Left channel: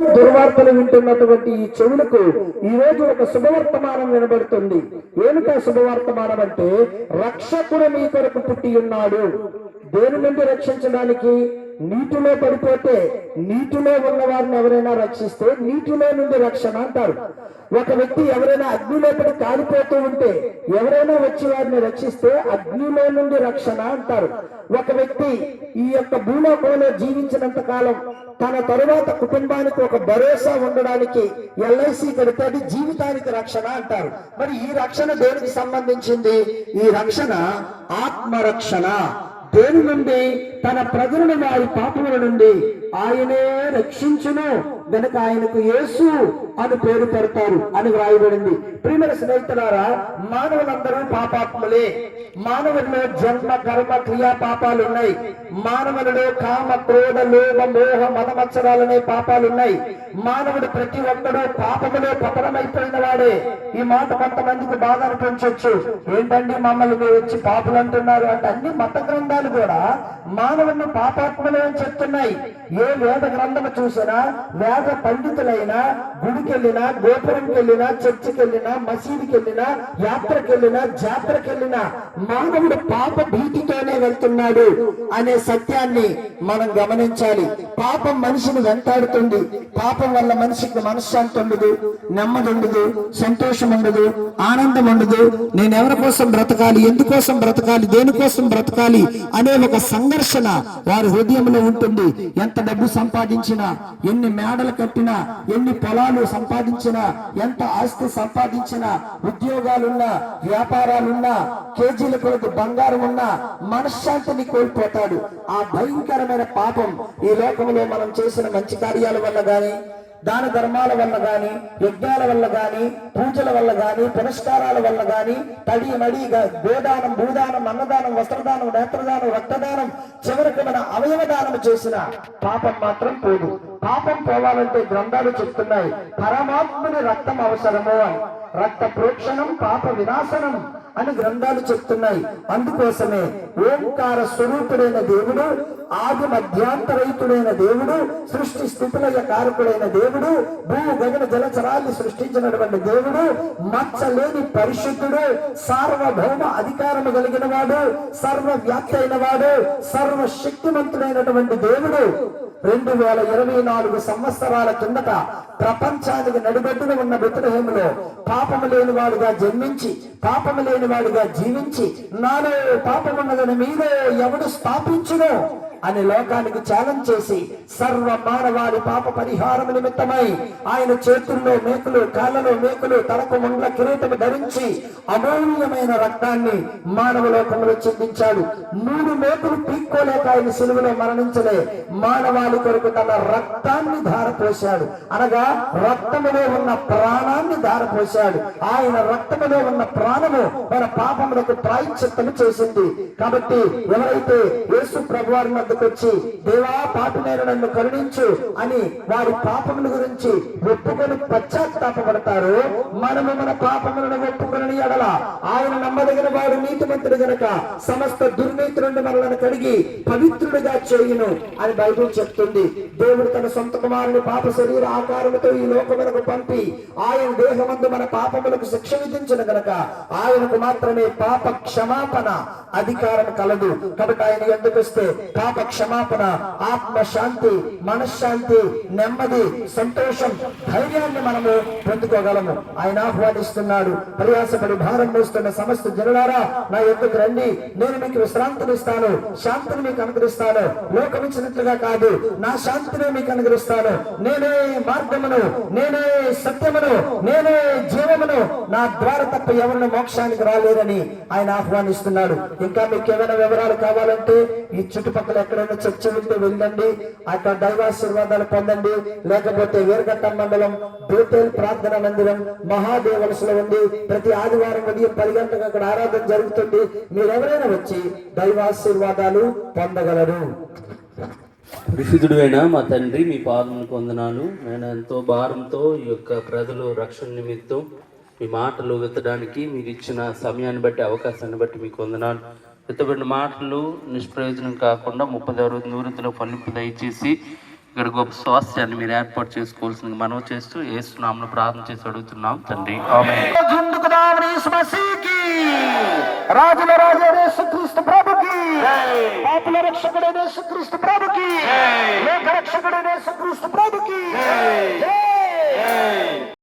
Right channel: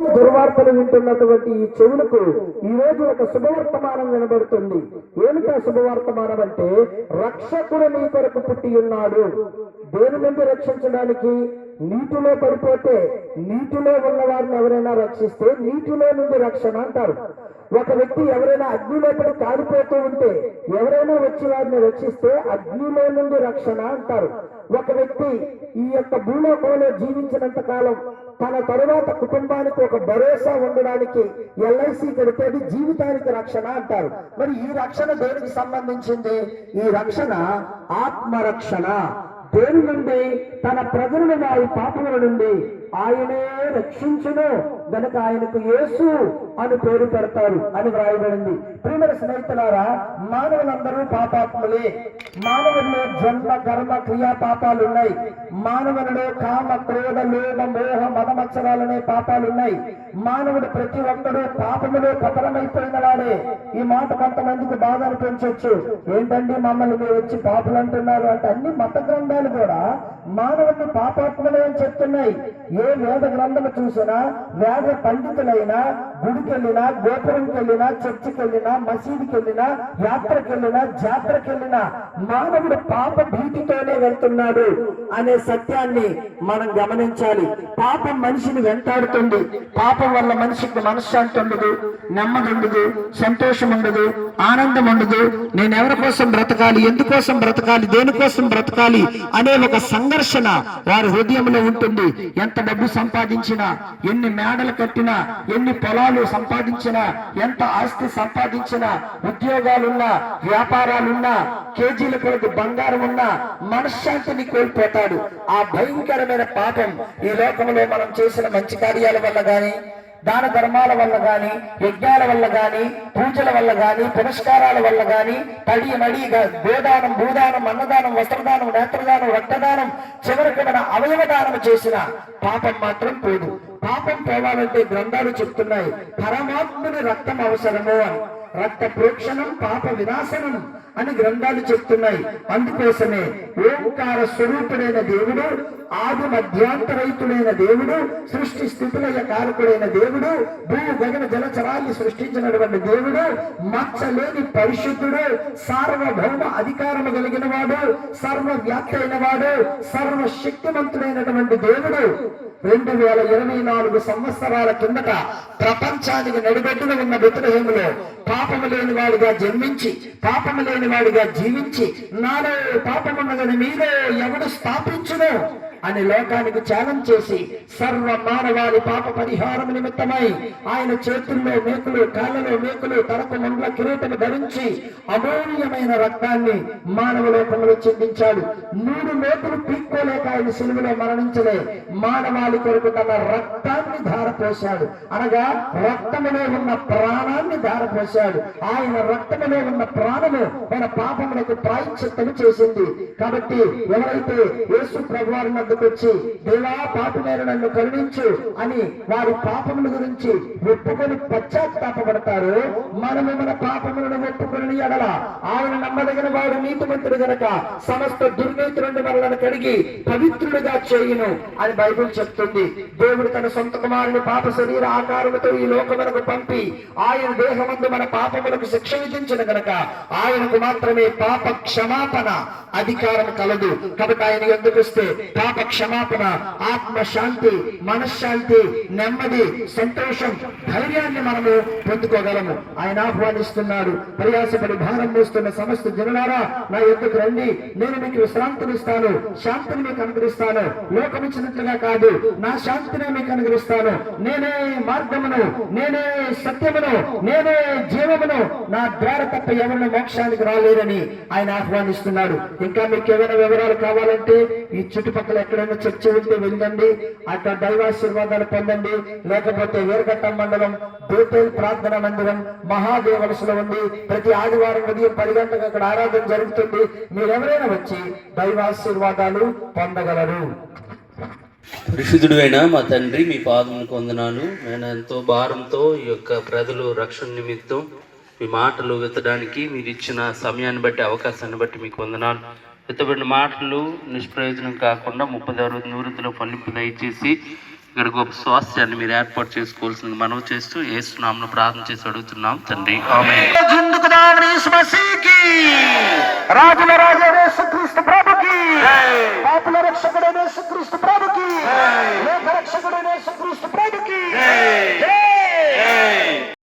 దుర్వార్తలు వింటున్నటువంటి ఈ చెవులకు ఈ రోజు ఒక శుభవర్తమానం వినబడుతుంది. ఏమిటా శుభవర్తమానం అంటే రక్షకుడు మీ కొరకు పుట్టి ఉన్నాడు. దేని నుండి రక్షించడానికి? నీటిలో పడిపోతే నీటిలో ఉన్న వారిని ఎవరైనా రక్షిస్తే నీటిలో నుండి రక్షణ అంటారు. ఒక వ్యక్తి ఎవరైనా అగ్నిలో పడి కాలిపోతూ ఉంటే ఎవరైనా వచ్చి వారిని రక్షిస్తే అగ్నిలో నుండి రక్షణ అంటారు. ఒక వ్యక్తి ఈ యొక్క భూలోకంలో జీవించినంత కాలం తన తరువాత కుటుంబానికి ఒక భరోసా ఉండడానికి ఎల్ఐసి కడితే అది జీవితానికి రక్షణ అంటారు. మరి ఈ రక్షణ దేనికి సంబంధించింది? ఈ రక్షణ ఆత్మరక్షణ. దేని నుండి తన ప్రజలను వారి పాపముల నుండి ఆయనే రక్షించును. గనక ఆయనకు యేసు అని పేరు పెడతారు అని వ్రాయబడింది. ప్రియమైన స్నేహితులారా మానవులందరూ పాపాత్ములే. మానవుల్లో జన్మ కర్మ క్రియా పాపాలు ఉన్నాయి మానవులలో కామ క్రోధ లోభ మోహ మదమత్సరాలనే పాపాలు ఉన్నాయి మానవుడు ప్రతి ఒక్కడూ పాపములో పతనమైపోయిన వాడే. ఈ మాట కొంతమందికి బాధ అనిపించవచ్చు ఏంటండి మమ్మల్ని మీరు వచ్చి పాపులు అంటున్నారు అంటే అన్ని మత గ్రంథాలు కూడా మానవుడిని పాపాత్మలే అని చెప్తున్నాయి. ఏ వేద గ్రంథము చూసినా వేద పండితులైనా గుడికెళ్ళినా గోపురంకి వెళ్ళినా చర్చికి వెళ్ళినా మసీదుకి వెళ్ళినా యాత్రకి వెళ్ళినా జాతరకి వెళ్ళినా మానవుడు పాప భీతితోనే వెళ్తున్నాడు అనే సత్యాన్ని మనం గమనించాలి. పాపం మనిషిని వెంటాడుతుంది. పాపం వల్ల మనిషికి మనశ్శాంతి ఉండదు నెమ్మది ఉండదు సంతోషం ఉండదు ఆనందం ఉండదు. నేను ఎవరి కోసం బ్రతకాలి ఎందుకోసం బ్రతకాలి దేనికోసం బ్రతకాలి అనే ఒక సంఘర్షణ వారి హృదయంలో ఉంటుంది. ఎంత డబ్బు సంపాదించి సంపాదించినా ఎన్ని మేడలు కట్టినా ఎన్ని పొలాలు సంపాదించినా ఎంత ఆస్తి సంపాదించినా ఉద్యోగాలున్నా వ్యాపారాలున్నా కేజీల కొరకు బంగారం ఉన్నా మనశ్శాంతిని కోల్పోతాడు. ఆ భయంకరమైన పాపం ఈ లోకంలో మనం చేసిన మంచి కార్యాల వల్ల గాని దాన ధర్మాల వల్ల గాని యజ్ఞాల వల్ల గాని పూజల వల్ల గాని పురస్కారాల వల్ల గాని తడి మడిగా గోదానం భూదానం అన్నదానం వస్త్రదానం నేత్రదానం రక్త అవయవదానం చేసిన పాపం మాత్రం పోదు. పాపం పోవాలంటే గ్రంథాలు చెప్తున్నాయి. పరమాత్ముని రక్తం అవసరము అని. రక్త ప్రోక్షణం పాప వినాశనం అని గ్రంథాలు చెప్తున్నాయి. అందుకోసమే ఓంకార స్వరూపుడైన దేవుడు ఆది మధ్యాంతరహితుడైన దేవుడు సృష్టి స్థితులయ కారకుడైన దేవుడు భూ గగన జలచరాన్ని సృష్టించినటువంటి దేవుడు మచ్చలేని పరిశుద్ధుడు సార్వభౌమ అధికారము కలిగిన వాడు సర్వవ్యాప్తి అయిన వాడు సర్వశక్తిమంతుడైనటువంటి దేవుడు. రెండు వేల ఇరవై నాలుగు సంవత్సరాల కిందట ప్రపంచానికి నడిబెట్టున ఉన్న బెతులహేములో పాపము లేని వాడుగా జన్మించి పాపము లేని వాడిగా జీవించి నాలో పాపమున్నదని మీలో ఎవడు స్థాపించును అని లోకానికి ఛాలెంజ్ చేసి సర్వ మానవాళి పాప పరిహారం నిమిత్తమై ఆయన చేతుల్లో మేకులు కాళ్ళలో మేకులు తలకు ముండ్ల కిరీటము ధరించి అమూల్యమైన రక్తాన్ని మానవ లోకంలో చెందించాడు. మూడు మేకులు పీక్కోలేక ఆయన సిలువలో మరణించలే. మానవాళి కొరకు తన రక్తాన్ని ధారపోశాడు. అనగా రక్తములో ఉన్న ప్రాణాన్ని ధారపోశాడు. ఆయన రక్తములో ఉన్న ప్రాణము మన పాపములకు ప్రాయశ్చిత్తము చేసింది. కాబట్టి ఎవరైతే యేసు ప్రభువారి వద్దకు వచ్చి దేవా పాపినైన నన్ను కరుణించు అని వారి పాపముల గురించి ఒప్పుకొని పశ్చాత్తాపడతారు మనము మన పాపములను ఒప్పుకొని ఎడల ఆయన నమ్మదగిన వాడు నీతిమంతుడు గనక సమస్త దుర్నీతి నుండి మనలను కడిగి పవిత్రుడుగా చేయును అని బైబిల్ చెప్తుంది. దేవుడు తన సొంత కుమారుని పాప శరీర ఆకారముతో ఈ లోకమునకు పంపి ఆయన దేహమందు మన పాపములకు శిక్ష విధించిన గనక ఆయనకు మాత్రమే పాప క్షమాపణ అధికారం కలదు. కాబట్టి ఆయన ఎందుకు వస్తే పాప క్షమాపణ ఆత్మ శాంతి మనశ్శాంతి నెమ్మది సంతోషం ధైర్యాన్ని మనము పొందుకోగలము. ఆయన ఆహ్వానిస్తున్నాడు. ప్రయాసపడి భారం మోస్తున్న సమస్త జనులారా నా ఎందుకు రండి. నేను మీకు విశ్రాంతినిస్తాను శాంతిని మీకు అనుగ్రహిస్తాను. లోకమిచ్చినట్లుగా కాదు. నా శాంతిని మీకు అనుగ్రహిస్తాను. నేనే మార్గమును నేనే సత్యమును నేనే జీవమును నా ద్వారా తప్ప ఎవరిని మోక్షానికి రాలేరని ఆయన ఆహ్వానిస్తున్నాడు. ఇంకా మీకు ఏమైనా వివరాలు కావాలంటే ఈ చుట్టుపక్కల ఎక్కడైనా చర్చ ఉంటే వెళ్ళండి. అక్కడ దైవాశీర్వాదాలు పొందండి. లేకపోతే వీరఘట్ట మండలం బోటేల్ ప్రార్థన మందిరం మహాదేవలసలో ఉంది ప్రతి ఆదివారం ఉదయం పది గంటలకు అక్కడ ఆరాధన జరుగుతుంది. మీరెవరైనా వచ్చి దైవాశీర్వాదాలు పొందగలరు. పరిశుద్ధుడు మా తండ్రి మీ పాదములకు వందనాలు. నేను ఎంతో భారంతో ఈ యొక్క ప్రజలు రక్షణ నిమిత్తం మీ మాటలు విత్తడానికి మీరు ఇచ్చిన సమయాన్ని బట్టి అవకాశాన్ని బట్టి మీకు వందనాలు. విత్తబడిన మాటలు నిష్ప్రయోజనం కాకుండా ముప్పై అరవై నివృత్తిలో ఫలింపు దయచేసి ఇక ఇక్కడ గొప్ప స్వాస్థ్యాన్ని మీరు ఏర్పాటు చేసుకోవాల్సింది మనవి చేస్తూ ఏసునామను ప్రార్థన చేసి అడుగుతున్నాం తండ్రి. రాజుల రాజు క్రీస్తు ప్రభుకి. పాపుల రక్షకుడైన క్రీస్తు ప్రభుకి. లోక రక్షకుడైన క్రీస్తు ప్రభుకి. జై.